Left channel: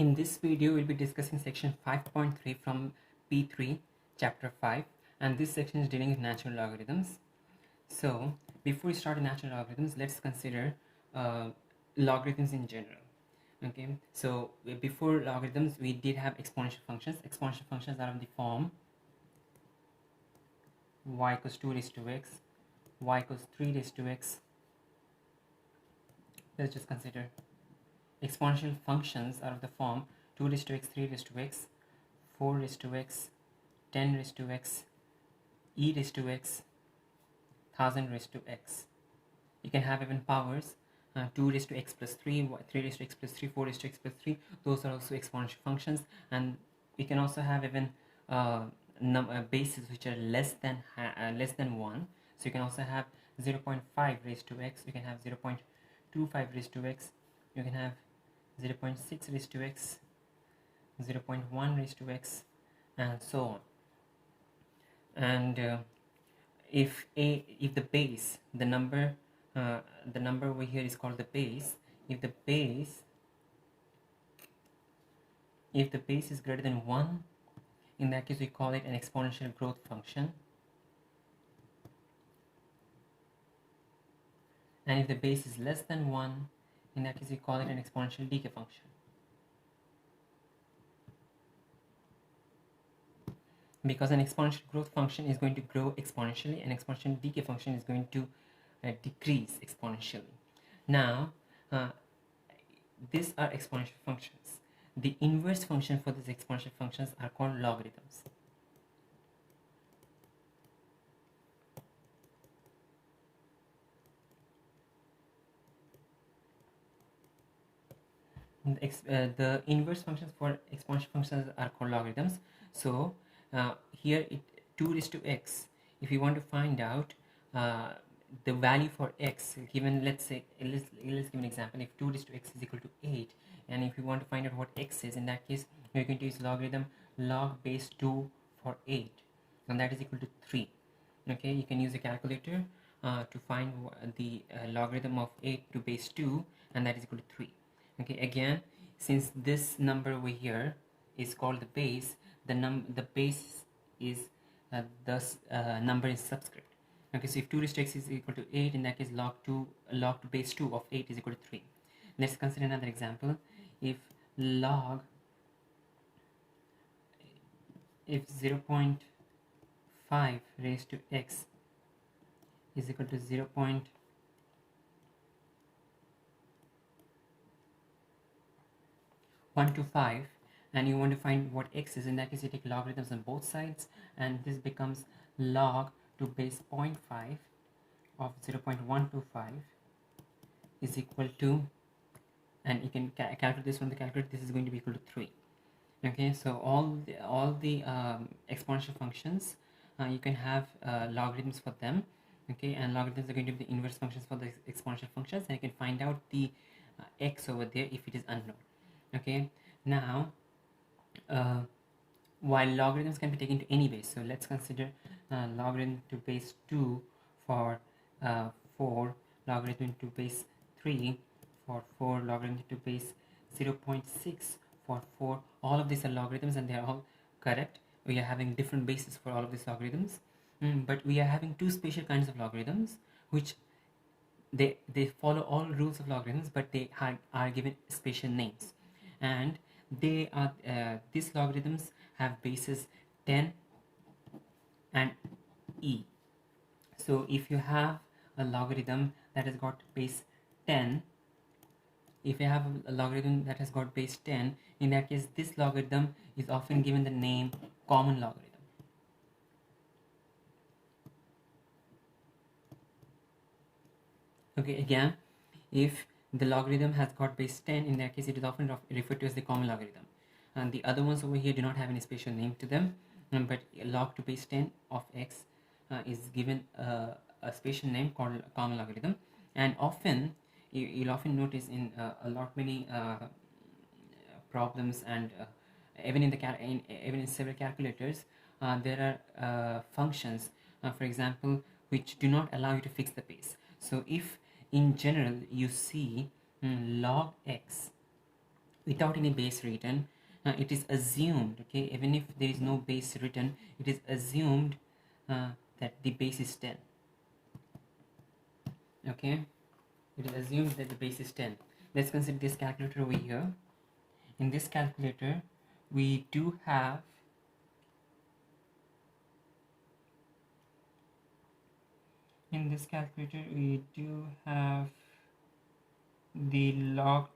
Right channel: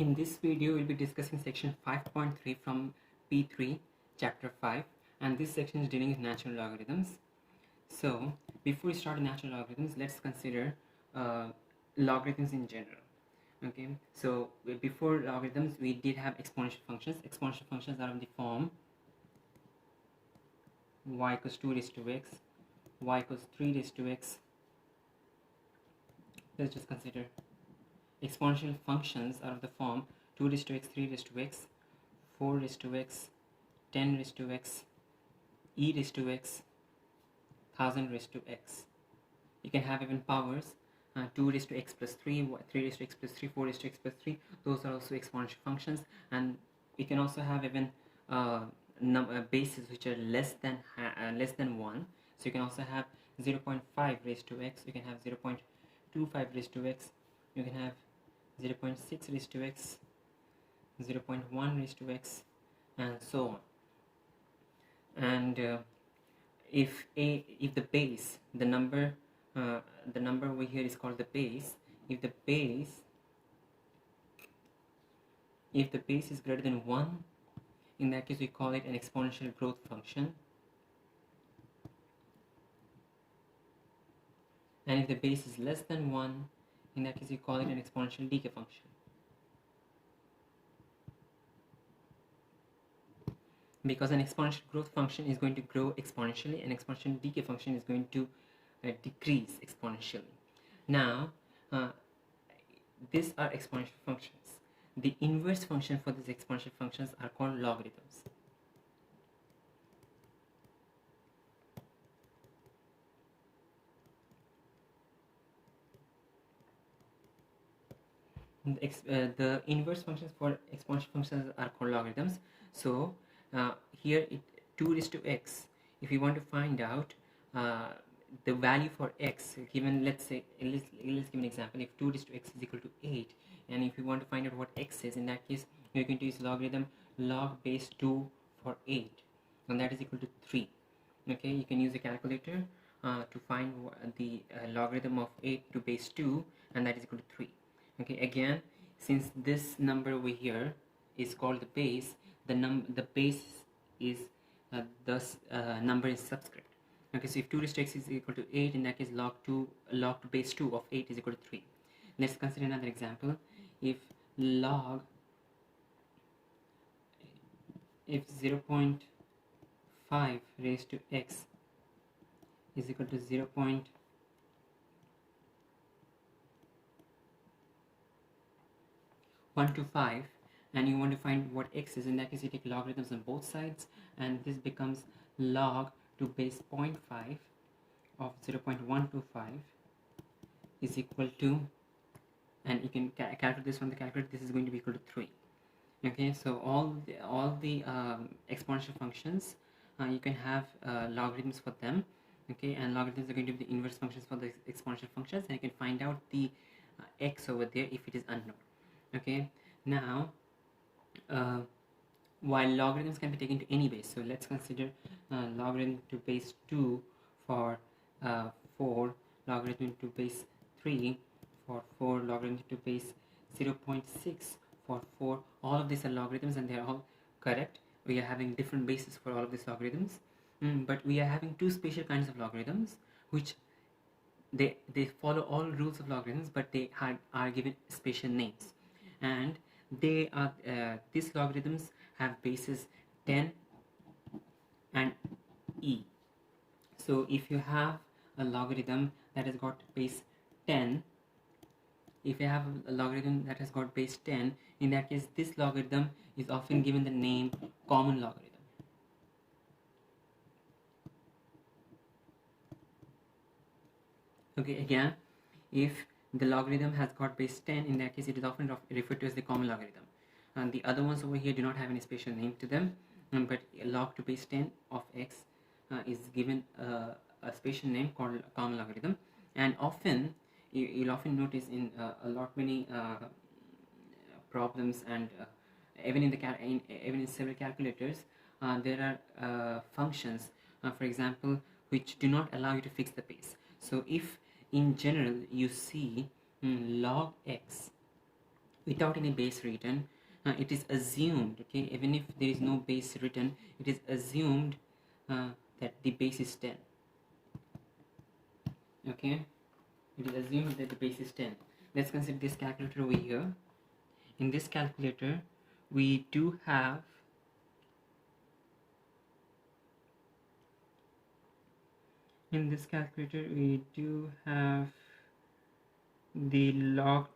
In this video, we'll be discussing section 5.3 from P3, chapter 5, and this section is dealing with natural logarithms. So, before we start natural logarithms, let's consider logarithms in general. Okay, so before logarithms, we did have exponential functions. Exponential functions are of the form y equals 2 raised to x, y equals 3 raised to x. Let's just consider exponential functions are of the form 2 raised to x, 3 raised to x, 4 raised to x, 10 raised to x, e raised to x, 1000 raised to x. You can have even powers 2 raised to x plus 3, 3 raised to x plus 3, 4 raised to x plus 3. Those are also exponential functions, and we can also have even bases which are less than 1. So you can also have 0.5 raised to x, you can have 0.25 raised to x, you can have 0.6 raised to x, 0.1 raised to x, and so on. And if the base, the number over here is called the base. If the base is greater than 1, in that case we call it an exponential growth function. And if the base is less than 1, in that case we call it an exponential decay function. Because an exponential growth function is going to grow exponentially, an exponential decay function is going to decrease exponentially. Now, these are exponential functions. The inverse function for these exponential functions are called logarithms. The inverse functions for exponential functions are called logarithms. So here 2 raised to x, if you want to find out the value for x given, let's give an example. If 2 raised to x is equal to 8, and if you want to find out what x is, in that case you're going to use logarithm log base 2 for 8, and that is equal to 3. Okay, you can use a calculator to find the logarithm of 8 to base 2, and that is equal to 3. Okay, again, since this number over here is called the base, the base is thus number is subscript. Okay, so if 2 raised to x is equal to 8, in that case log to base 2 of 8 is equal to 3. Let's consider another example. If 0.5 raised to x is equal to 0.125, and you want to find what x is, in that case you take logarithms on both sides, and this becomes log to base 0.5 of 0.125 is equal to, and you can calculate this from the calculator, this is going to be equal to 3. Okay, so all the exponential functions, you can have logarithms for them. Okay, and logarithms are going to be the inverse functions for the exponential functions, and you can find out the x over there if it is unknown. Okay, now while logarithms can be taken to any base, so let's consider logarithm to base 2 for 4, logarithm to base 3 for 4, logarithm to base 0.6 for 4. All of these are logarithms and they are all correct. We are having different bases for all of these logarithms, but we are having two special kinds of logarithms which they follow all rules of logarithms, but they are given special names, and they are these logarithms have bases 10 and e. So if you have a logarithm that has got base 10, if you have a logarithm that has got base 10, in that case this logarithm is often given the name common logarithm. Okay, again, if the logarithm has got base 10, in that case it is often referred to as the common logarithm, and the other ones over here do not have any special name to them, but log to base 10 of x is given a special name called common logarithm. And often you'll often notice in many problems, and even in several calculators, there are functions, for example, which do not allow you to fix the base. So if in general you see log x without any base written. It is assumed, okay, even if there is no base written, it is assumed that the base is 10. Okay, it is assumed that the base is 10. Let's consider this calculator over here. In this calculator, we do have the log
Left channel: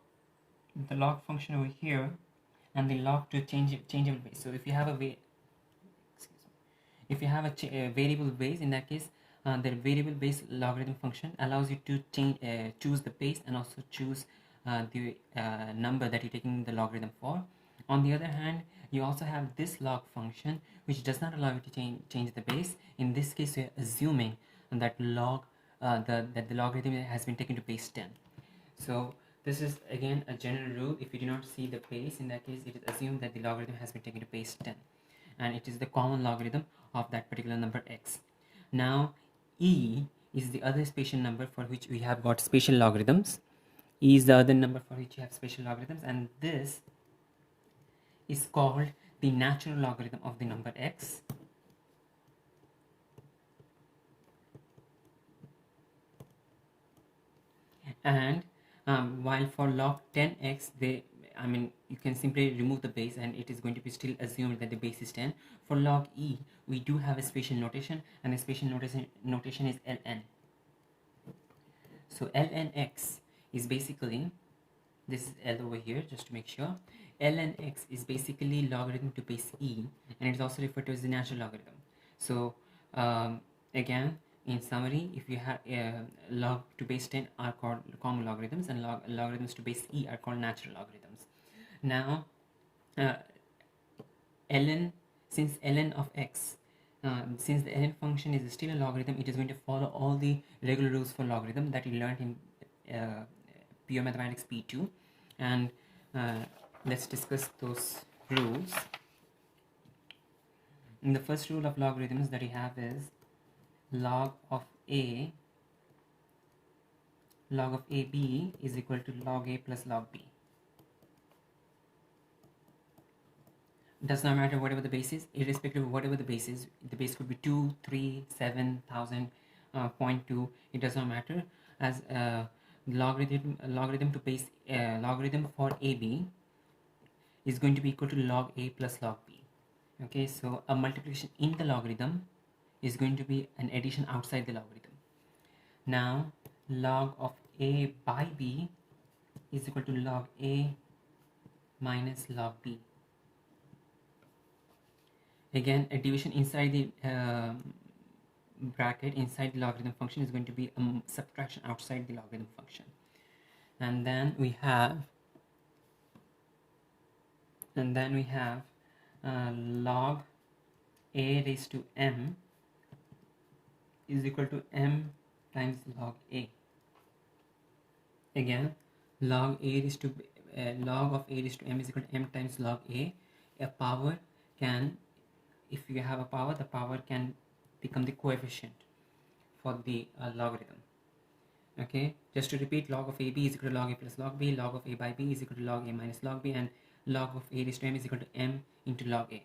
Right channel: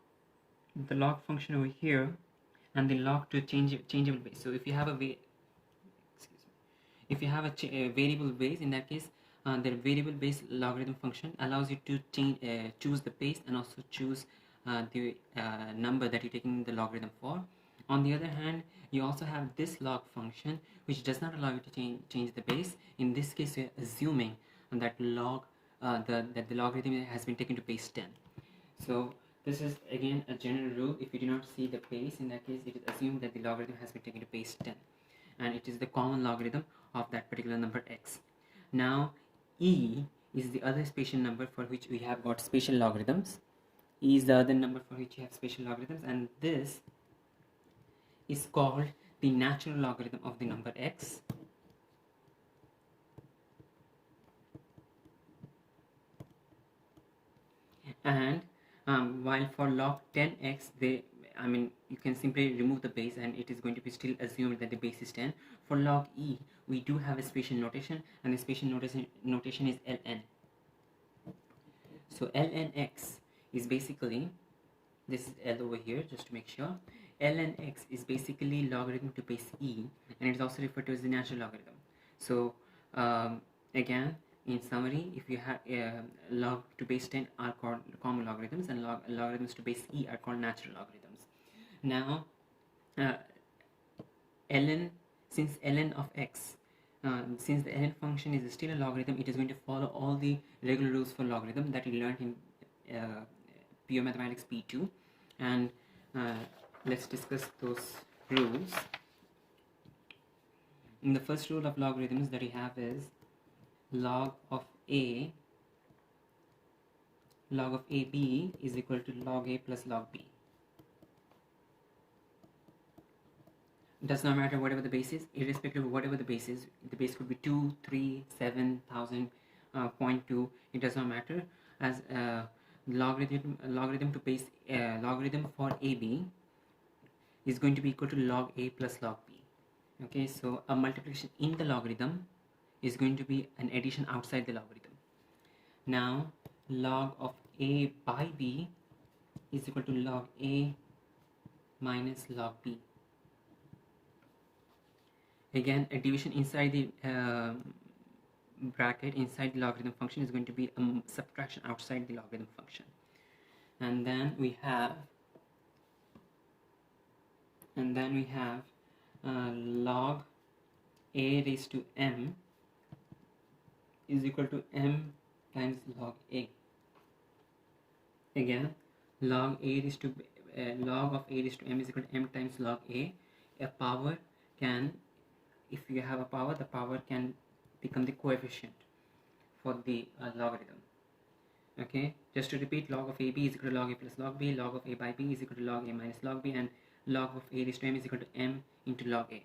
function over here, and the log to changeable base. So if you have a variable base, in that case, the variable base logarithm function allows you to choose the base and also choose the number that you're taking the logarithm for. On the other hand, you also have this log function, which does not allow you to change the base. In this case, we're assuming that that the logarithm has been taken to base 10. So this is again a general rule. If you do not see the base, in that case, it is assumed that the logarithm has been taken to base 10, and it is the common logarithm of that particular number x. Now, e is the other spatial number for which we have got spatial logarithms. E is the other number for which you have spatial logarithms, and this is called the natural logarithm of the number x. And while for log 10x, you can simply remove the base and it is going to be still assumed that the base is 10. For log e, we do have a spatial notation, and the spatial notation is ln. So ln x is basically, this is L over here just to make sure, ln x is basically logarithm to base e, and it is also referred to as the natural logarithm. So again, in summary, if you have log to base 10 are called common logarithms, and logarithms to base e are called natural logarithms. Now, since ln of x, since the ln function is still a logarithm, it is going to follow all the regular rules for logarithm that you learned in Pure Mathematics P2, and let's discuss those rules. And the first rule of logarithms that we have is log of ab is equal to log a plus log b. Does not matter whatever the base is, irrespective of whatever the base is. The base could be 2, 3, 7, 1000, 0.2. It does not matter, as logarithm to base logarithm for ab is going to be equal to log a plus log b. Okay, so a multiplication in the logarithm is going to be an addition outside the logarithm. Now, log of a by b is equal to log a minus log b. Again, a division inside the bracket inside the logarithm function is going to be a subtraction outside the logarithm function. And then we have log a raised to m is equal to m times log a. Again, log of a raised to m is equal to m times log a. A power can, if you have a power, the power can become the coefficient for the logarithm. Okay, just to repeat, log of ab is equal to log a plus log b, log of a by b is equal to log a minus log b, and log of a raised to m is equal to m into log a.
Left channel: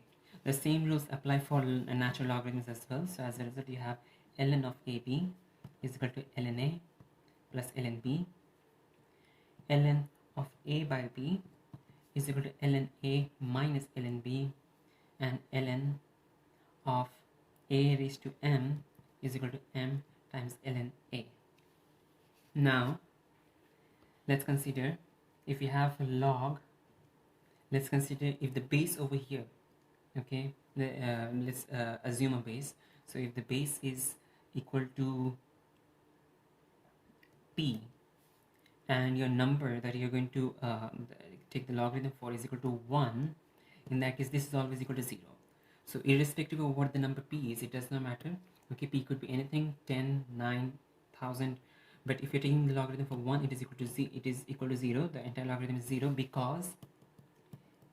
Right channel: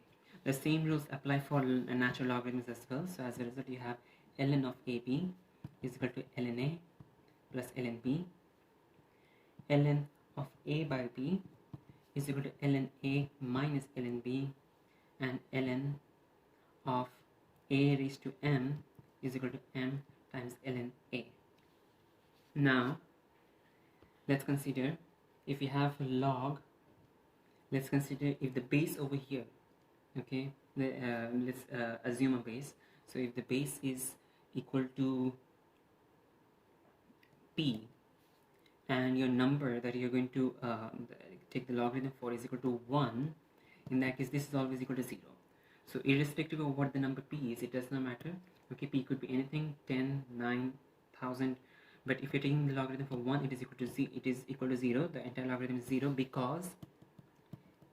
The same rules apply for natural logarithms as well. So as a result, you have ln of ab is equal to ln a plus ln b. Ln of a by b is equal to ln a minus ln b, and ln of a raised to m is equal to m times ln a. Now, let's consider if you have a log, let's consider if the base over here, okay, let's assume a base. So if the base is equal to p, and your number that you're going to take the logarithm for is equal to 1, in that case this is always equal to 0. So irrespective of what the number p is, it does not matter. Okay, p could be anything, 10, 9, 1000, but if you're taking the logarithm for 1, it is equal to 0. The entire logarithm is 0 because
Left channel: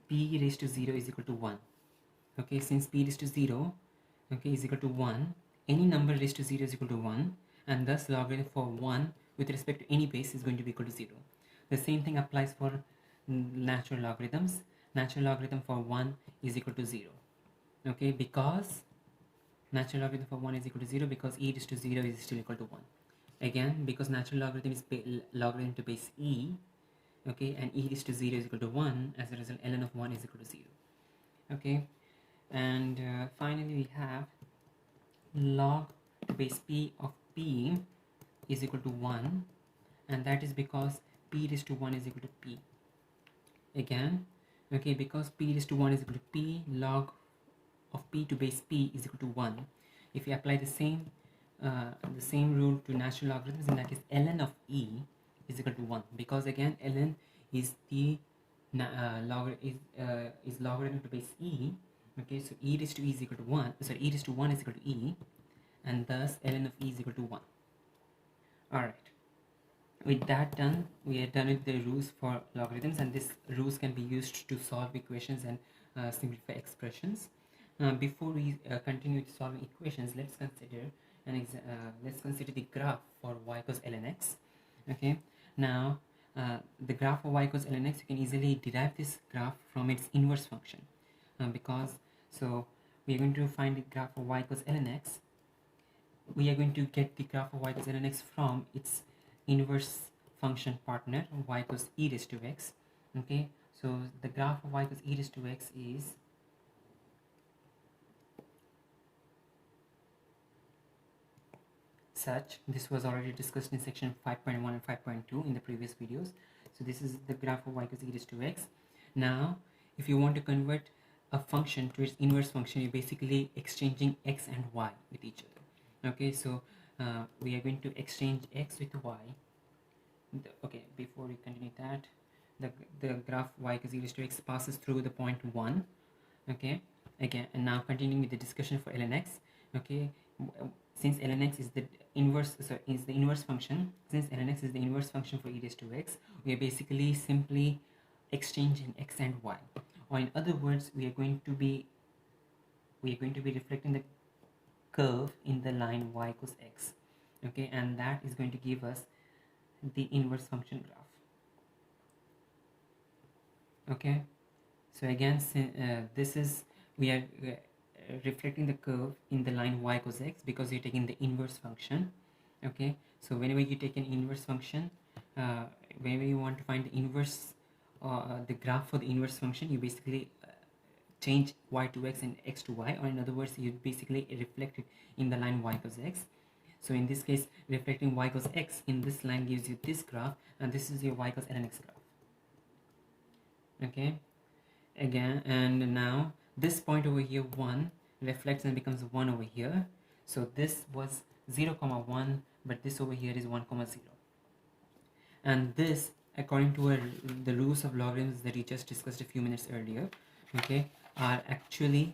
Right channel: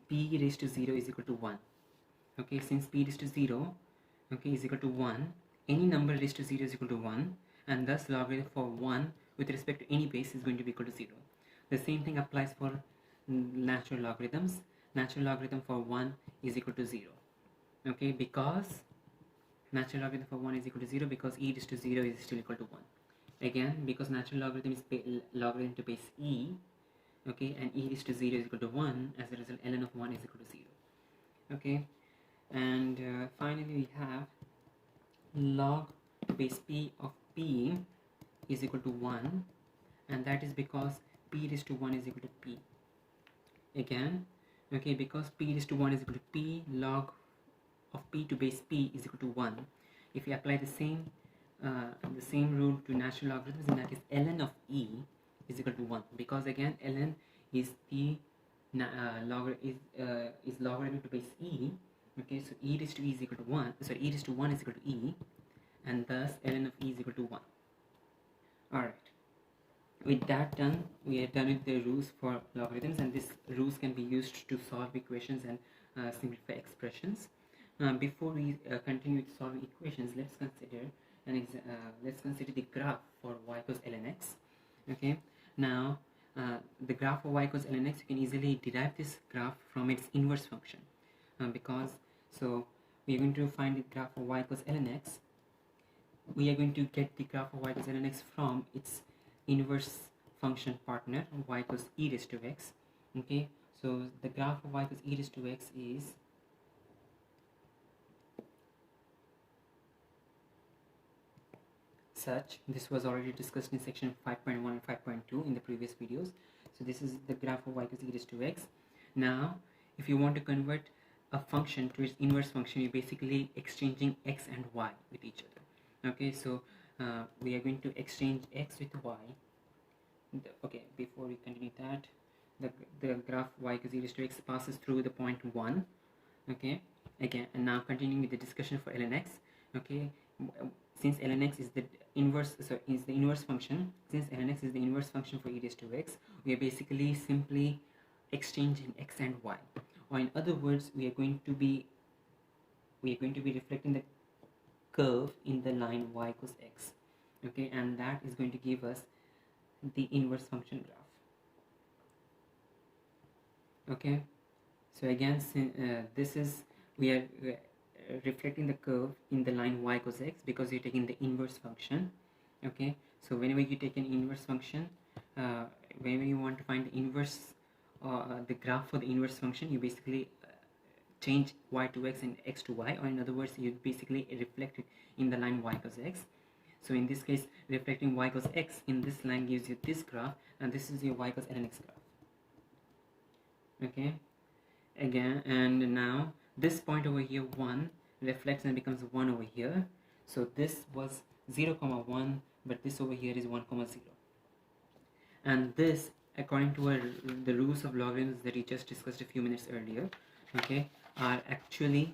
p raised to 0 is equal to 1. Okay, since p raised to 0, okay, is equal to 1, any number raised to 0 is equal to 1, and thus logarithm for 1 with respect to any base is going to be equal to 0. The same thing applies for natural logarithms. Natural logarithm for 1 is equal to 0. Okay, because natural logarithm for 1 is equal to 0 because e raised to 0 is still equal to 1. Again, because natural logarithm is logarithm to base e, okay, and e raised to 0 is equal to 1, as a result ln of 1 is equal to 0. Okay, and finally we have log to base p of p is equal to 1, and that is because p raised to 1 is equal to p. Again, okay, because p raised to 1 is equal to p, log of p to base p is equal to 1. If we apply the same rule to natural logarithms, in that case ln of e is equal to 1, because again ln is the logarithm to base e. Okay, so e raised to e is equal to 1, so e raised to 1 is equal to e, and thus ln of e is equal to 1. Alright, with that done, we are done with the rules for logarithms, and these rules can be used to solve equations and simplify expressions. Before we continue with solving equations, let's consider the graph for y equals ln x. Okay, now the graph of y equals ln x, you can easily derive this graph from its inverse function, because so we are going to find the graph of y equals ln x. We are going to get the graph of y equals ln x from its inverse function partner y equals e raised to x. Okay, so the graph of y equals e raised to x is such. This was already discussed in section 5.1 and 5.2 in the previous videos. So this is the graph of y equals e raised to x. Now if you want to convert a function to its inverse function, you're basically exchanging x and y with each other. Okay, so we are going to exchange x with y. Okay, before we continue that, the graph y equals e raised to x passes through the point 1. Okay, again, and now continuing with the discussion for ln x. Okay, since ln x is the inverse function, since ln x is the inverse function for e raised to x, we are basically simply exchanging x and y, or in other words, we are going to be reflecting the curve in the line y equals x. Okay, and that is going to give us the inverse function graph. Okay, so again, this is we are reflecting the curve in the line y equals x because you're taking the inverse function. Okay, so whenever you take an inverse function, whenever you want to find the inverse the graph for the inverse function, you basically change y to x and x to y, or in other words, you basically reflect it in the line y equals x. So in this case, reflecting y equals x in this line gives you this graph, and this is your y equals ln x graph. Okay, again, and now this point over here 1 reflects and becomes 1 over here. So this was 0, 1, but this over here is 1, 0. And this, according to the rules of logarithms that we just discussed a few minutes earlier, okay, are actually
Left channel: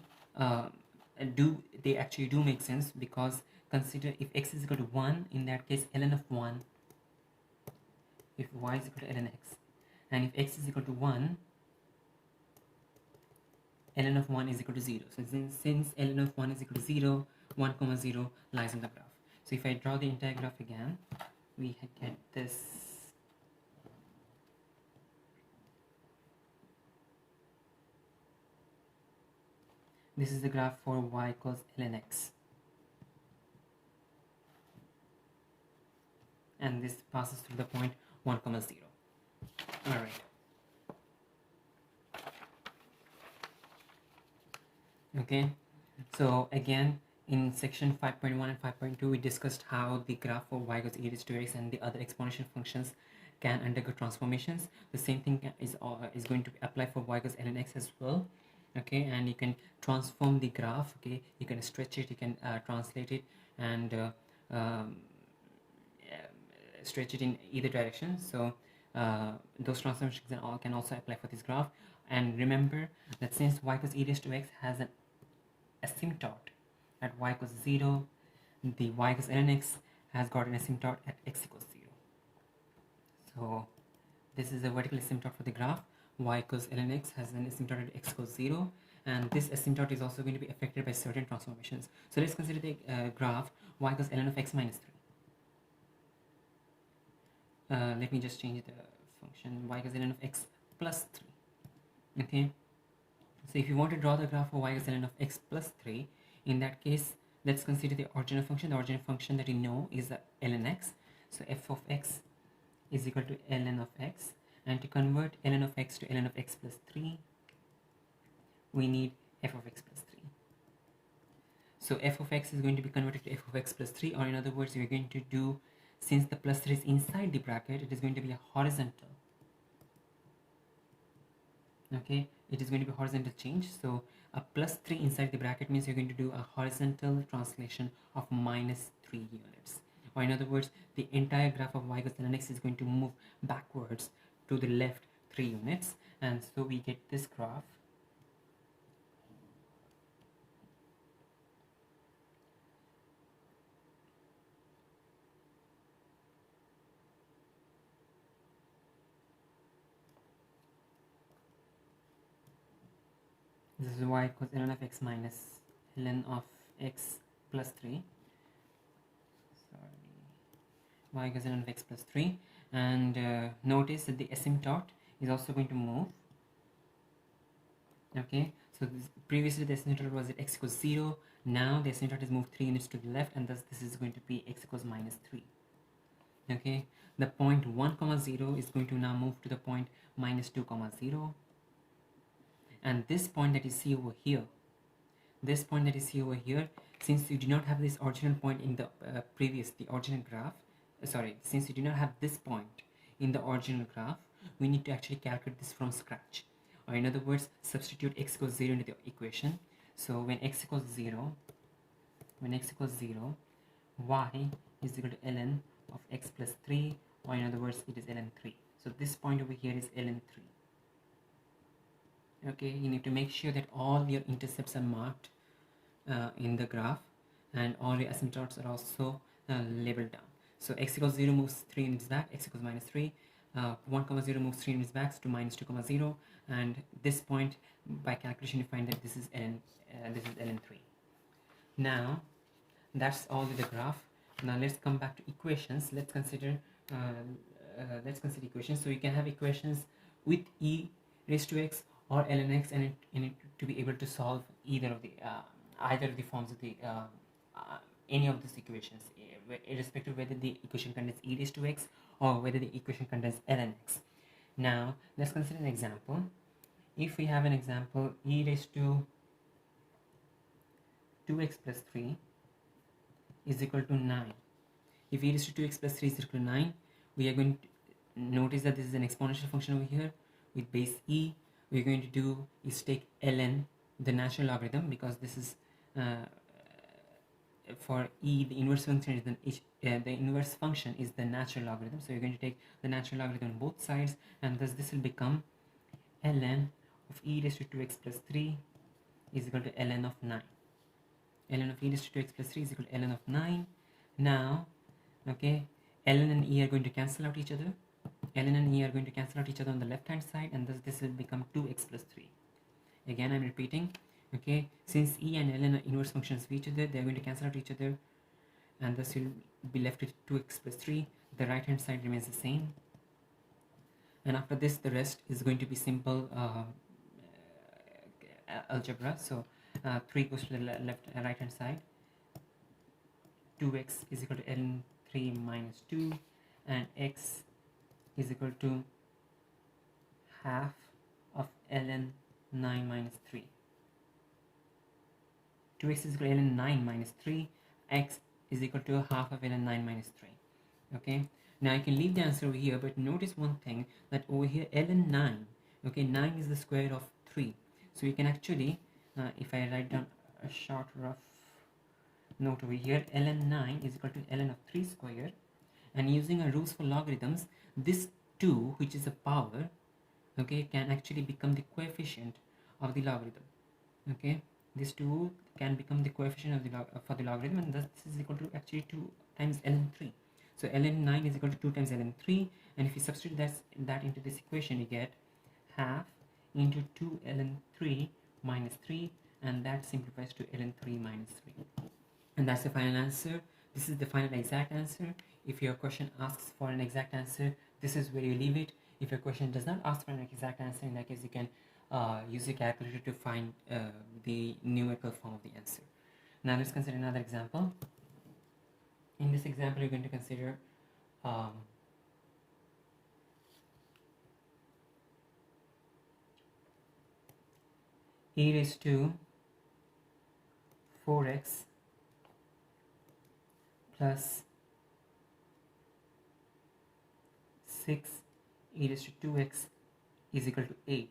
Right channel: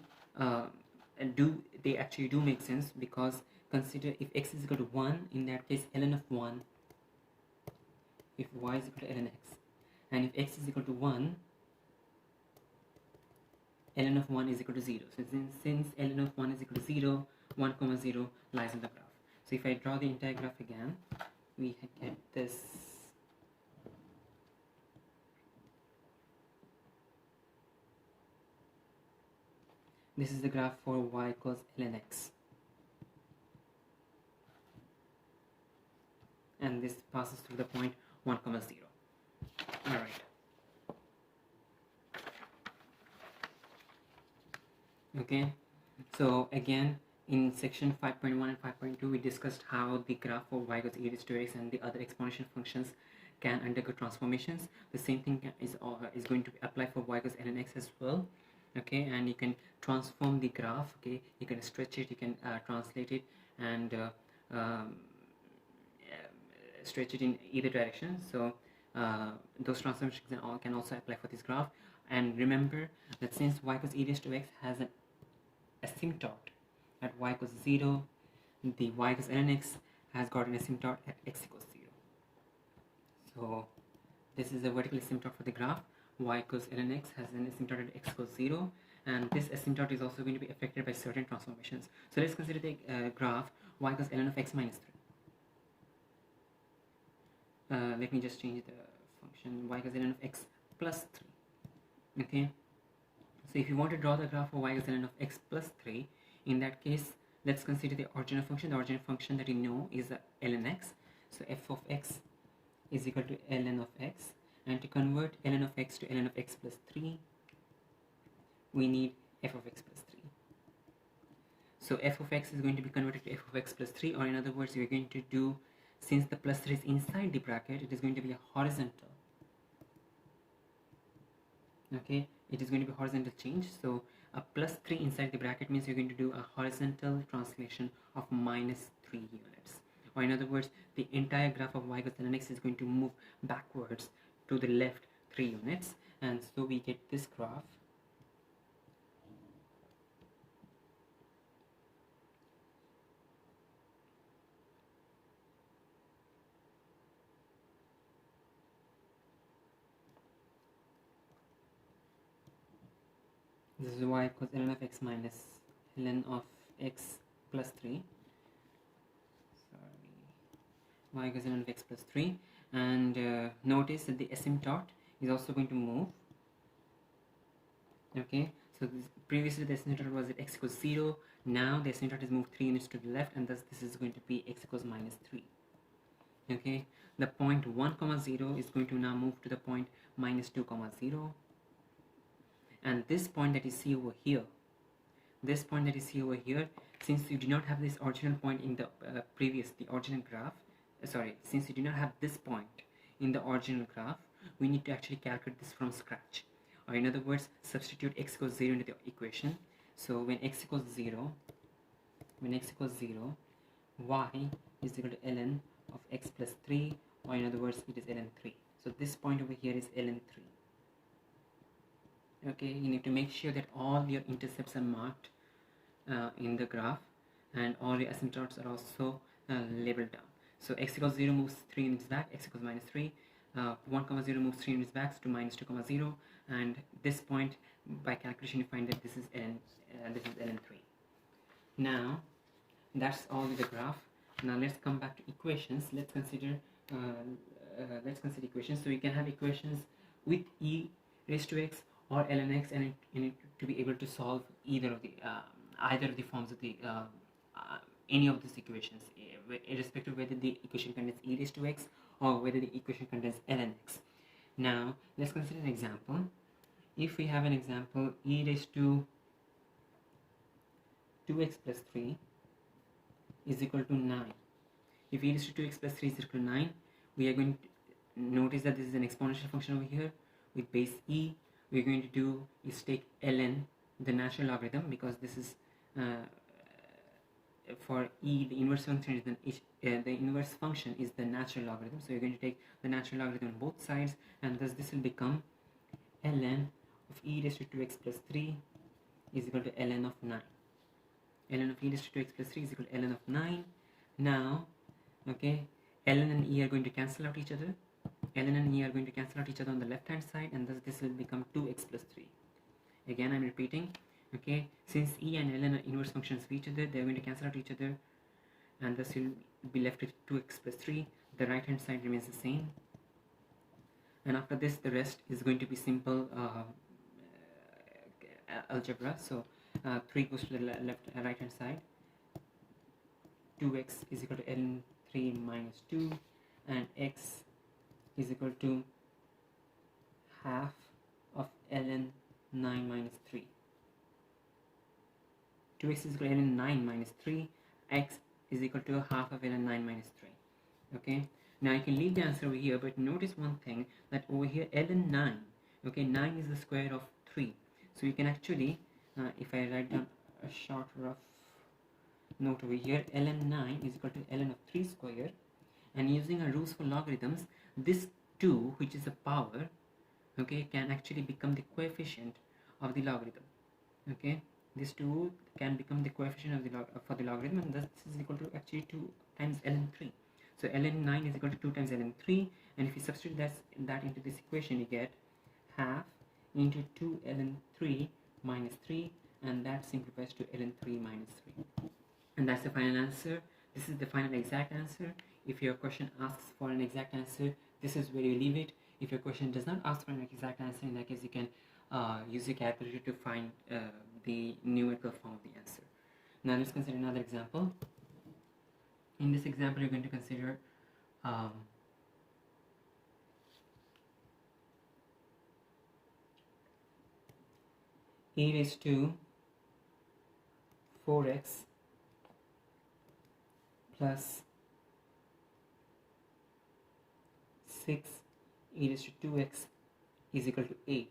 they actually do make sense, because consider if x is equal to 1, in that case ln of 1, if y is equal to ln x, and if x is equal to 1, ln of 1 is equal to 0. So since ln of 1 is equal to 0, 1, 0 lies on the graph. So if I draw the entire graph again, we get this. This is the graph for y equals ln x. And this passes through the point 1, 0. Alright. Okay, so again, in section 5.1 and 5.2, we discussed how the graph for y equals e raised to x and the other exponential functions can undergo transformations. The same thing is going to apply for y equals ln x as well. Okay, and you can transform the graph. Okay, you can stretch it, you can translate it, and stretch it in either direction. So those transformations can also apply for this graph. And remember that since y equals e raised to x has an asymptote at y equals 0, the y equals ln x has got an asymptote at x equals 0. So this is the vertical asymptote for the graph. Y equals ln x has an asymptote at x equals 0, and this asymptote is also going to be affected by certain transformations. So let's consider the graph y equals ln of x minus 3. Let me just change the function. Y equals ln of x plus 3. Okay, so if you want to draw the graph of y is ln of x plus 3, in that case let's consider the original function. The original function that you know is ln x. So f of x is equal to ln of x, and to convert ln of x to ln of x plus 3, we need f of x plus 3. So f of x is going to be converted to f of x plus 3, or in other words, we're going to do, since the plus 3 is inside the bracket, it is going to be a horizontal. Okay, it is going to be horizontal change. So a plus 3 inside the bracket means you're going to do a horizontal translation of minus 3 units. Or in other words, the entire graph of y equals ln x is going to move backwards to the left 3 units, and so we get this graph. This is y equals ln of x minus ln of x plus 3. Y equals ln of x plus 3, and notice that the asymptote is also going to move. Okay, so previously the asymptote was at x equals 0. Now the asymptote is moved 3 units to the left, and thus this is going to be x equals minus 3. Okay, the point 1 comma 0 is going to now move to the point minus 2 comma 0, and this point that you see over here, since you do not have this original point in the original graph, since you do not have this point in the original graph, we need to actually calculate this from scratch. Or in other words, substitute x equals 0 into the equation. So when x equals 0, y is equal to ln of x plus 3, or in other words, it is ln 3. So this point over here is ln 3. Okay, you need to make sure that all your intercepts are marked in the graph, and all your asymptotes are also labeled down. So x equals 0 moves 3 units back, x equals minus 3. 1 comma 0 moves 3 units back to minus 2 comma 0, and this point, by calculation, you find that this is ln 3. Now that's all with the graph. Now let's come back to equations. Let's consider equations. So you can have equations with e raised to x or ln x, and to be able to solve either of the forms of the any of these equations, irrespective of whether the equation contains e raised to x or whether the equation contains ln x. Now let's consider an example. If we have an example, e raised to 2x plus 3 is equal to 9. If e raised to 2x plus 3 is equal to 9, we are going to notice that this is an exponential function over here with base e. We're going to do is take ln, the natural logarithm, because this is for e, the inverse function is the inverse function is the natural logarithm. So you're going to take the natural logarithm on both sides, and thus this will become ln of e raised to 2x plus 3 is equal to ln of 9. ln of e raised to 2x plus 3 is equal to ln of 9. Now, okay, ln and e are going to cancel out each other. ln and e are going to cancel out each other on the left hand side, and thus this will become 2x plus 3. Again, I'm repeating. Okay, since e and ln are inverse functions of each other, they're going to cancel out each other, and thus you'll be left with 2x plus 3. The right hand side remains the same, and after this the rest is going to be simple algebra. So 3 goes to the right hand side. 2x is equal to ln 3 minus 2, and x is equal to half of ln 9 minus 3. 2x is equal to ln 9 minus 3, x is equal to half of ln 9 minus 3. Okay, now you can leave the answer over here, but notice one thing, that over here ln 9, okay, 9 is the square of 3. So you can actually, if I write down a short rough note over here, ln 9 is equal to ln of 3 square, and using our rules for logarithms, this 2, which is a power, okay, can actually become the coefficient of the logarithm. Okay, this 2 can become the coefficient of the for the logarithm, and this is equal to actually 2 times ln 3. So ln 9 is equal to 2 times ln 3, and if you substitute that into this equation, you get half into 2 ln 3 minus 3, and that simplifies to ln 3 minus 3. And that's the final answer. This is the final exact answer. If your question asks for an exact answer, this is where you leave it. If your question does not ask for an exact answer, in that case you can use a calculator to find the numerical form of the answer. Now let's consider another example. In this example, you're going to consider e raised to 4x plus 6 e raised to 2x is equal to 8.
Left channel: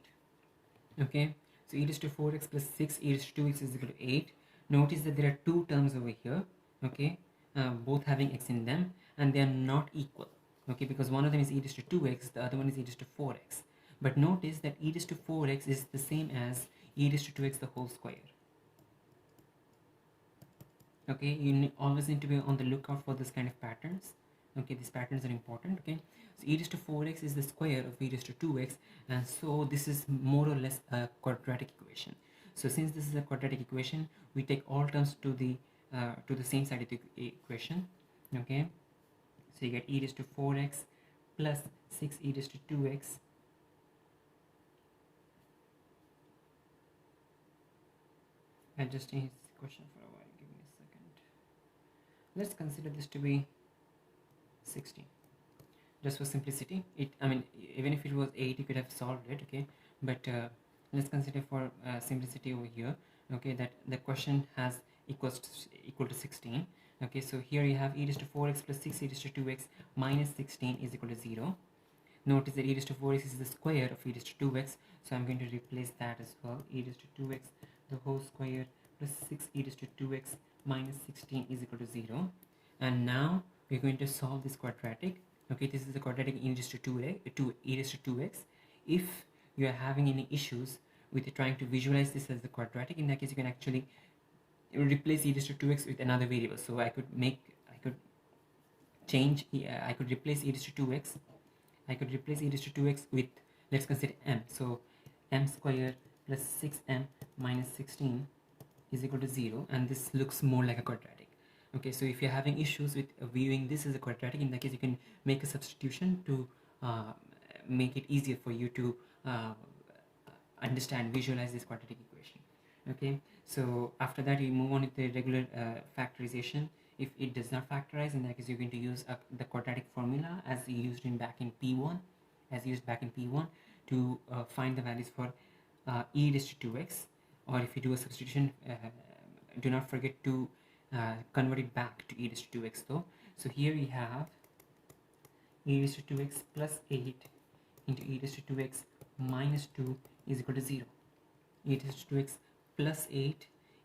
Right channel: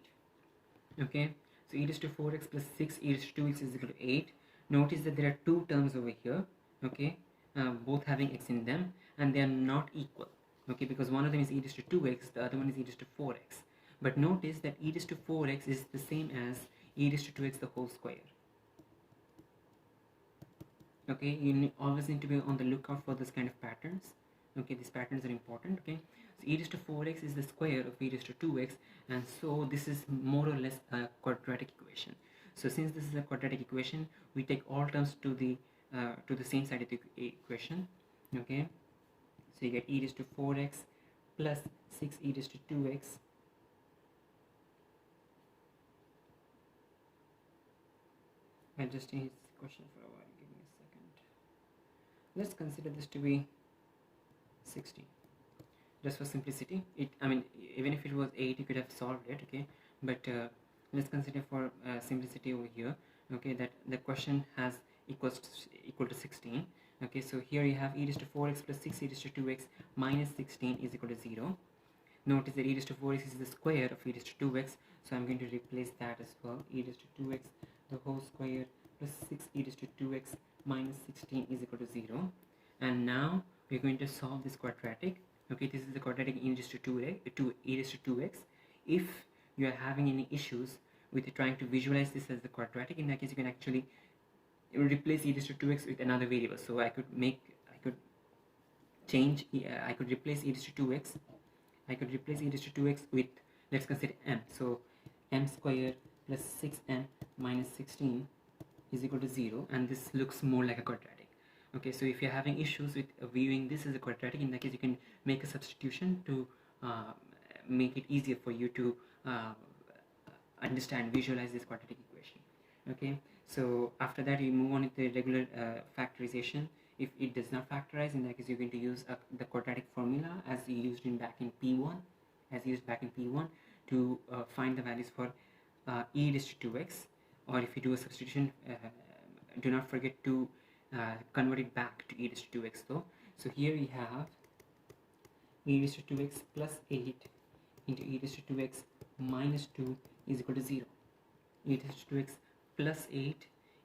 Okay, so e raised to 4x plus 6 e raised to 2x is equal to 8. Notice that there are two terms over here, okay, both having x in them, and they are not equal, okay, because one of them is e raised to 2x, the other one is e raised to 4x. But notice that e raised to 4x is the same as e raised to 2x the whole square. Okay, you always need to be on the lookout for this kind of patterns. Okay, these patterns are important. Okay, so e raised to 4x is the square of e raised to 2x, and so this is more or less a quadratic equation. So since this is a quadratic equation, we take all terms to the same side of the equation. Okay, so you get e raised to 4x plus 6 e raised to 2x I'll just change this question for a while. Give me a second. Let's consider this to be 16. Just for simplicity, even if it was 8, you could have solved it. Okay, but let's consider for simplicity over here. Okay, that the question has equal to 16. Okay, so here you have e raised to 4x plus 6 e raised to 2x minus 16 is equal to 0. Notice that e raised to 4x is the square of e raised to 2x, so I'm going to replace that as well. E raised to 2x the whole square plus 6 e raised to 2x minus 16 is equal to 0. And now we're going to solve this quadratic. Okay, this is the quadratic e raised to 2e raised to 2x. If you are having any issues with trying to visualize this as the quadratic, in that case you can actually replace e raised to 2x with another variable. So I could replace e raised to 2x. I could replace e raised to 2x with, let's consider m. So m square plus 6m minus 16 is equal to 0, and this looks more like a quadratic. Okay, so if you're having issues with viewing this as a quadratic, in that case you can make a substitution to make it easier for you to visualize this quadratic equation. Okay, so after that you move on with the regular factorization. If it does not factorize, in that case you're going to use the quadratic formula as used back in P1 to find the values for e raised to 2x, or if you do a substitution, do not forget to convert it back to e raised to 2x though. So here we have e raised to 2x plus 8 into e raised to 2x minus 2 is equal to 0. E raised to 2x plus 8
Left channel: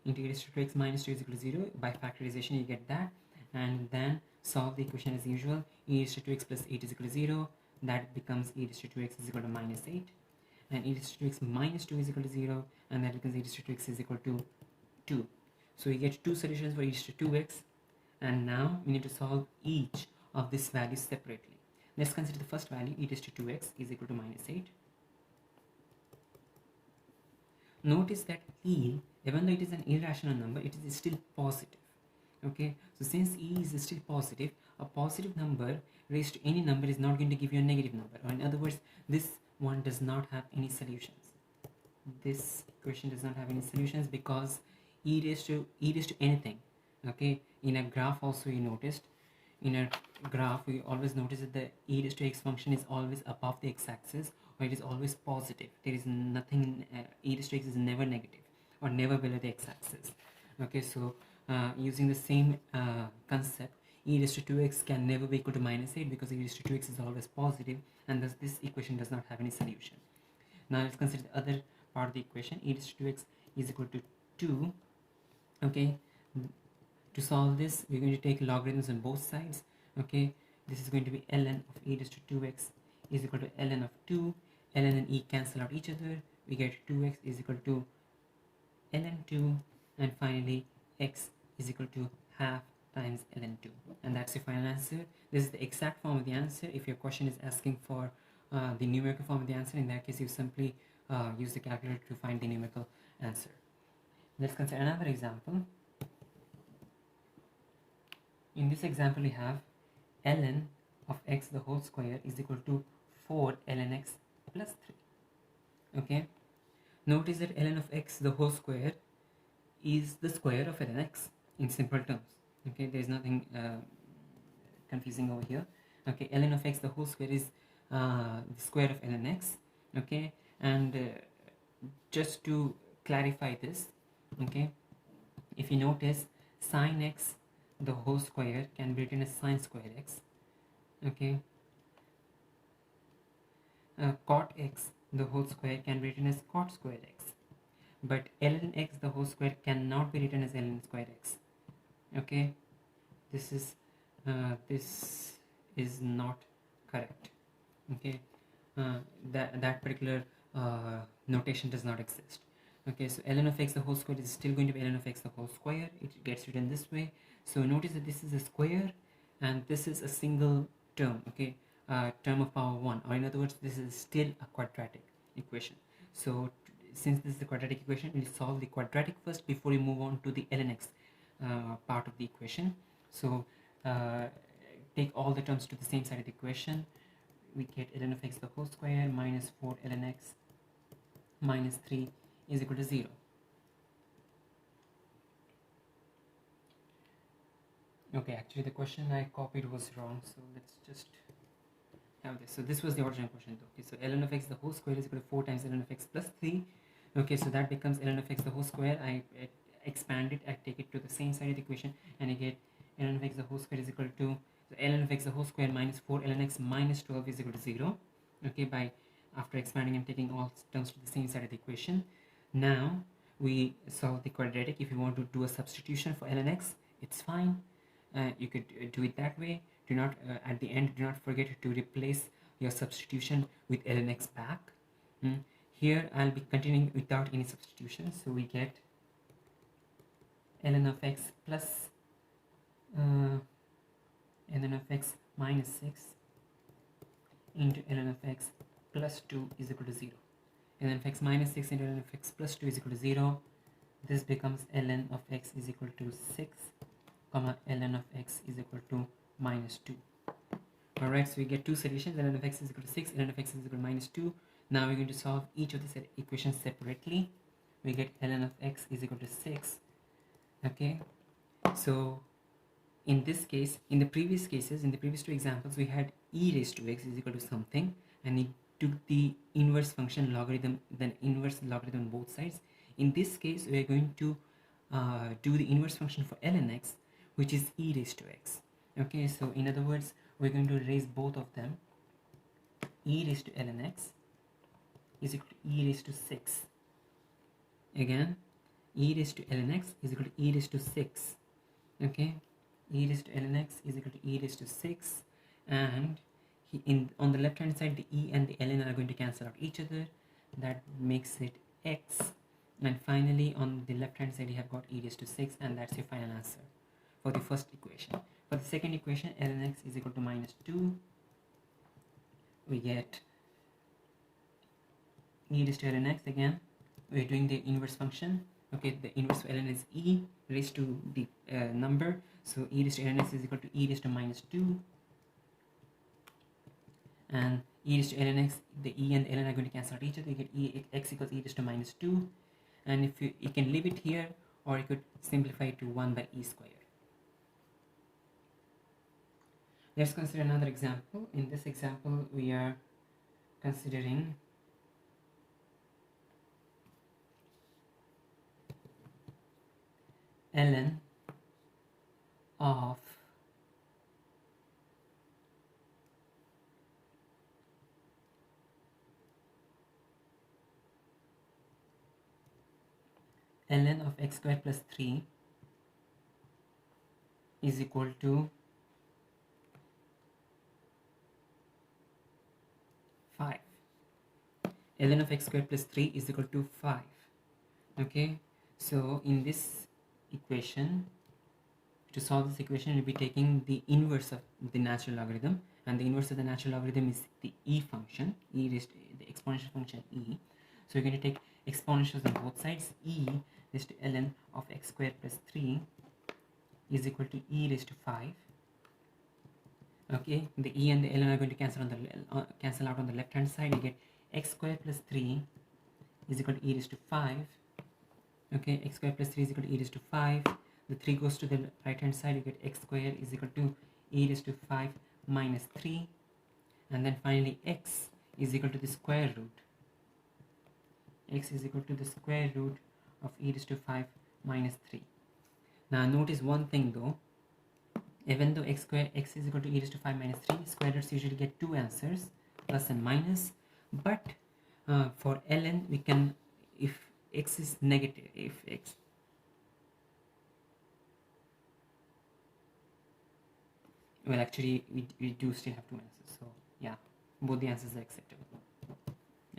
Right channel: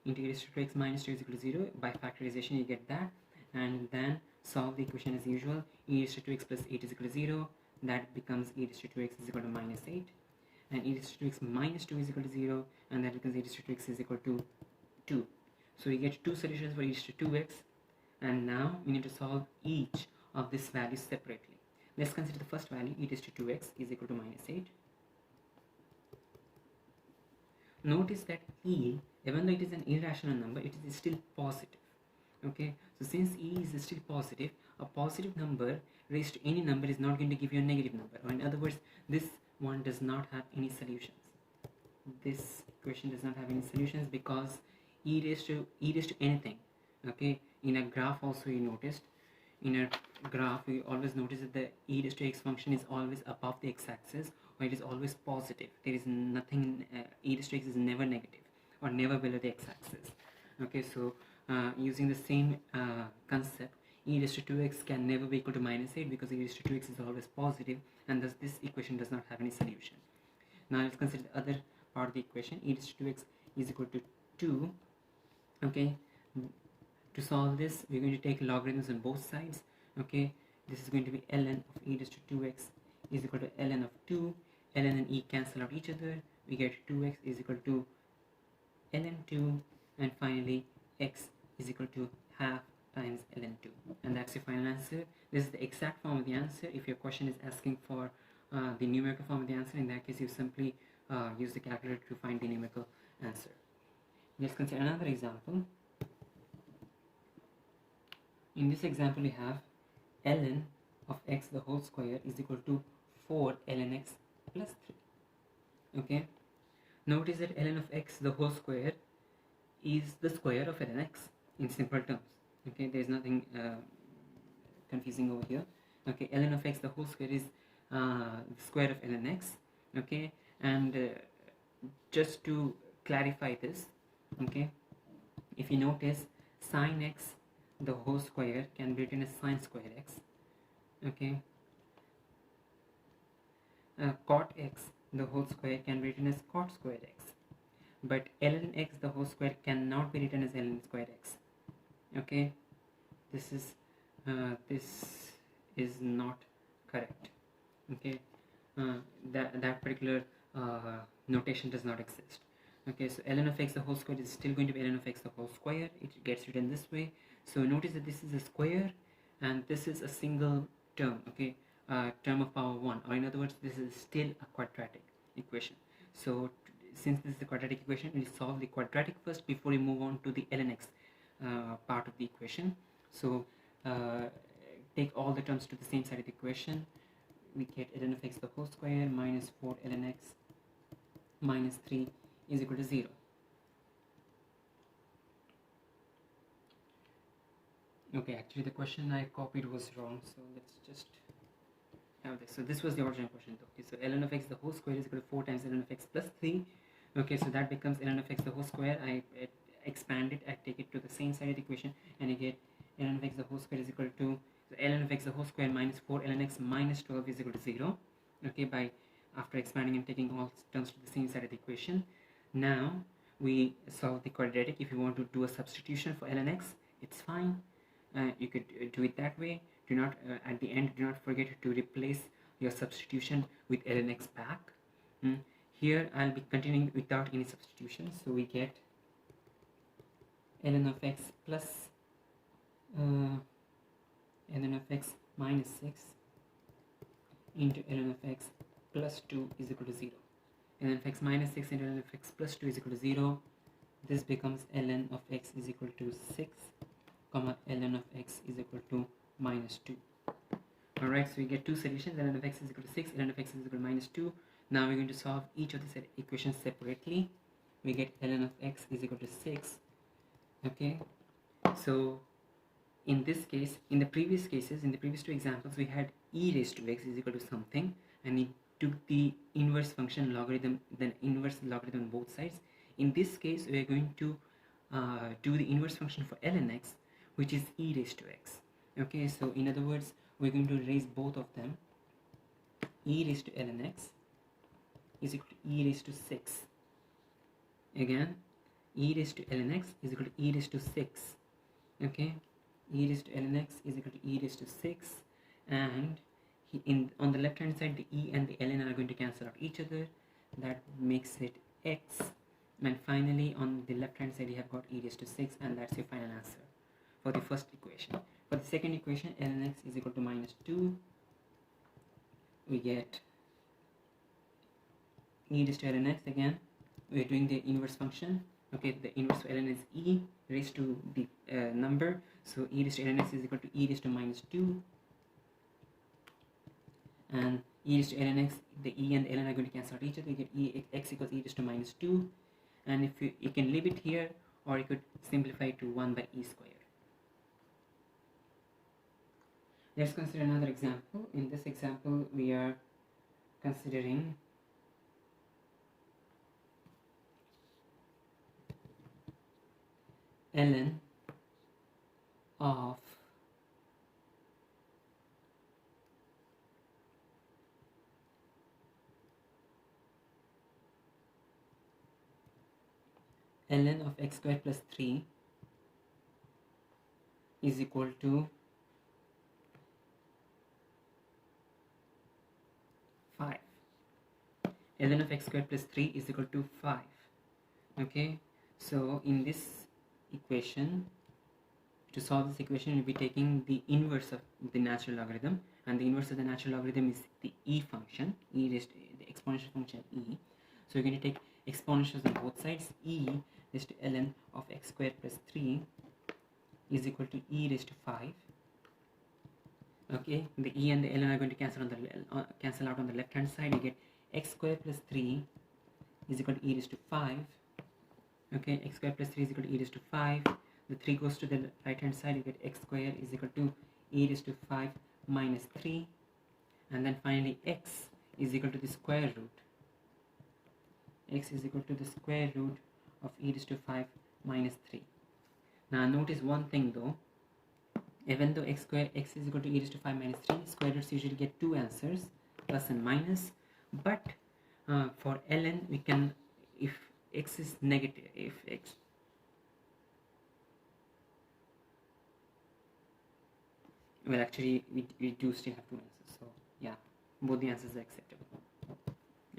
into e raised to 2x minus 2 is equal to 0. By factorization you get that, and then solve the equation as usual. E raised to 2x plus 8 is equal to 0. That becomes e raised to 2x is equal to minus 8, and e raised to 2x minus 2 is equal to 0, and that becomes e raised to 2x is equal to 2. So you get two solutions for e raised to 2x, and now we need to solve each of these values separately. Let's consider the first value, e raised to 2x is equal to minus 8. Notice that e, even though it is an irrational number, it is still positive. Okay, so since e is still positive, a positive number raised to any number is not going to give you a negative number, or in other words, this one does not have any solutions. This equation does not have any solutions because e raised to anything. Okay, in a graph also you noticed, in a graph we always notice that the e raised to x function is always above the x-axis, or it is always positive. There is nothing, e raised to x is never negative or never below the x-axis. Okay, so using the same concept, e raised to 2x can never be equal to minus 8 because e raised to 2x is always positive, and thus this equation does not have any solution. Now let's consider the other part of the equation. E raised to 2x is equal to 2. Okay, to solve this we're going to take logarithms on both sides. Okay, this is going to be ln of e raised to 2x is equal to ln of 2. Ln and e cancel out each other. We get 2x is equal to ln 2, and finally x is equal to half times ln 2, and that's the final answer. This is the exact form of the answer. If your question is asking for the numerical form of the answer, in that case you simply use the calculator to find the numerical answer. Let's consider another example. In this example we have ln of x the whole square is equal to 4 ln x plus 3. Okay, notice that ln of x the whole square is the square of ln x in simple terms. Okay, there is nothing confusing over here. Okay, ln of x the whole square is the square of ln x. Okay, and just to clarify this, okay, if you notice, sine x the whole square can be written as sine square x. Okay, cot x the whole square can be written as cot square x, but ln x the whole square cannot be written as ln square x. Okay, this is not correct. Okay, that particular notation does not exist. Okay, so ln of x the whole square is still going to be ln of x the whole square. It gets written this way. So notice that this is a square and this is a single term. Okay, term of power 1, or in other words, this is still a quadratic equation. So since this is a quadratic equation, we solve the quadratic first before we move on to the ln x part of the equation. So take all the terms to the same side of the equation. We get ln of x the whole square minus 4 ln x minus 3 is equal to 0. Okay, actually the question I copied was wrong, so let's just have this. So this was the original question. Okay, so ln of x the whole square is equal to 4 times ln of x plus 3. Okay, so that becomes ln of x the whole square. I expand it, I take it to the same side of the equation, and I get ln of x the whole square is equal to ln of x the whole square minus 4 ln x minus 12 is equal to 0. Okay, by after expanding and taking all terms to the same side of the equation. Now we solve the quadratic. If you want to do a substitution for ln x, it's fine. You could do it that way. Do not at the end, do not forget to replace your substitution with ln x back. Here I'll be continuing without any substitution, so we get ln of x plus ln of x minus 6 into ln of x plus 2 is equal to 0. ln of x minus 6 into ln of x plus 2 is equal to 0. This becomes ln of x is equal to 6 comma ln of x is equal to minus 2. Alright, so we get two solutions. Ln of x is equal to 6, ln of x is equal to minus 2. Now we're going to solve each of these equations separately. We get ln of x is equal to 6. Okay, so in this case, in the previous cases, in the previous two examples, we had e raised to x is equal to something, and we took the inverse function logarithm, then inverse logarithm on both sides. In this case, we are going to do the inverse function for ln x, which is e raised to x. Okay, so in other words, we're going to raise both of them. E raised to ln x is equal to e raised to 6. Again, e raised to ln x is equal to e raised to 6. Okay, e raised to ln x is equal to e raised to 6, and on the left hand side, the e and the ln are going to cancel out each other. That makes it x, and finally on the left hand side you have got e raised to 6, and that's your final answer for the first equation. For the second equation, ln x is equal to minus 2, we get e raised to ln x. Again, we are doing the inverse function. Okay, the inverse of ln is e raised to the number, so e raised to ln x is equal to e raised to minus 2, and e raised to ln x, the e and the ln are going to cancel out each other. You get x equals e raised to minus 2, and if you can leave it here, or you could simplify it to 1 by e square. Let's consider another example. In this example, we are considering ln of ln of x squared plus 3 is equal to 5. ln of x squared plus 3 is equal to 5. Okay, so in this equation, to solve this equation, we'll be taking the inverse of the natural logarithm, and the inverse of the natural logarithm is the e function, e raised to the exponential function e. So we're going to take exponentials on both sides. E raised to ln of x squared plus 3 is equal to e raised to 5. Okay, the e and the ln are going to cancel out on the left hand side. You get x squared plus 3 is equal to e raised to 5. Okay, x squared plus 3 is equal to e raised to 5. The 3 goes to the right hand side. You get x squared is equal to e raised to 5 minus 3. And then finally x is equal to the square root. X is equal to the square root of e raised to 5 minus 3. Now notice one thing though. Even though x is equal to e raised to 5 minus 3, square roots usually get two answers, plus and minus. But for ln, we can, if x is negative, if x, well actually we do still have two answers, so yeah, both the answers are acceptable.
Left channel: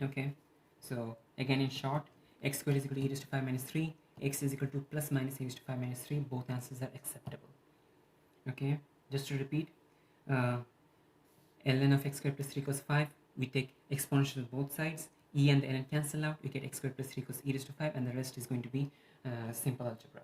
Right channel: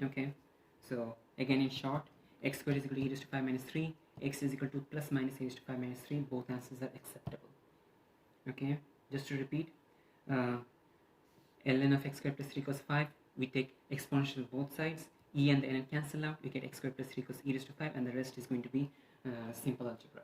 Okay, so again in short, x squared is equal to e raised to 5 minus 3, x is equal to plus minus e raised to 5 minus 3, both answers are acceptable. Okay, just to repeat, ln of x squared plus 3 cos 5, we take exponential both sides, e and the ln cancel out, we get x squared plus 3 cos e raised to 5, and the rest is going to be simple algebra.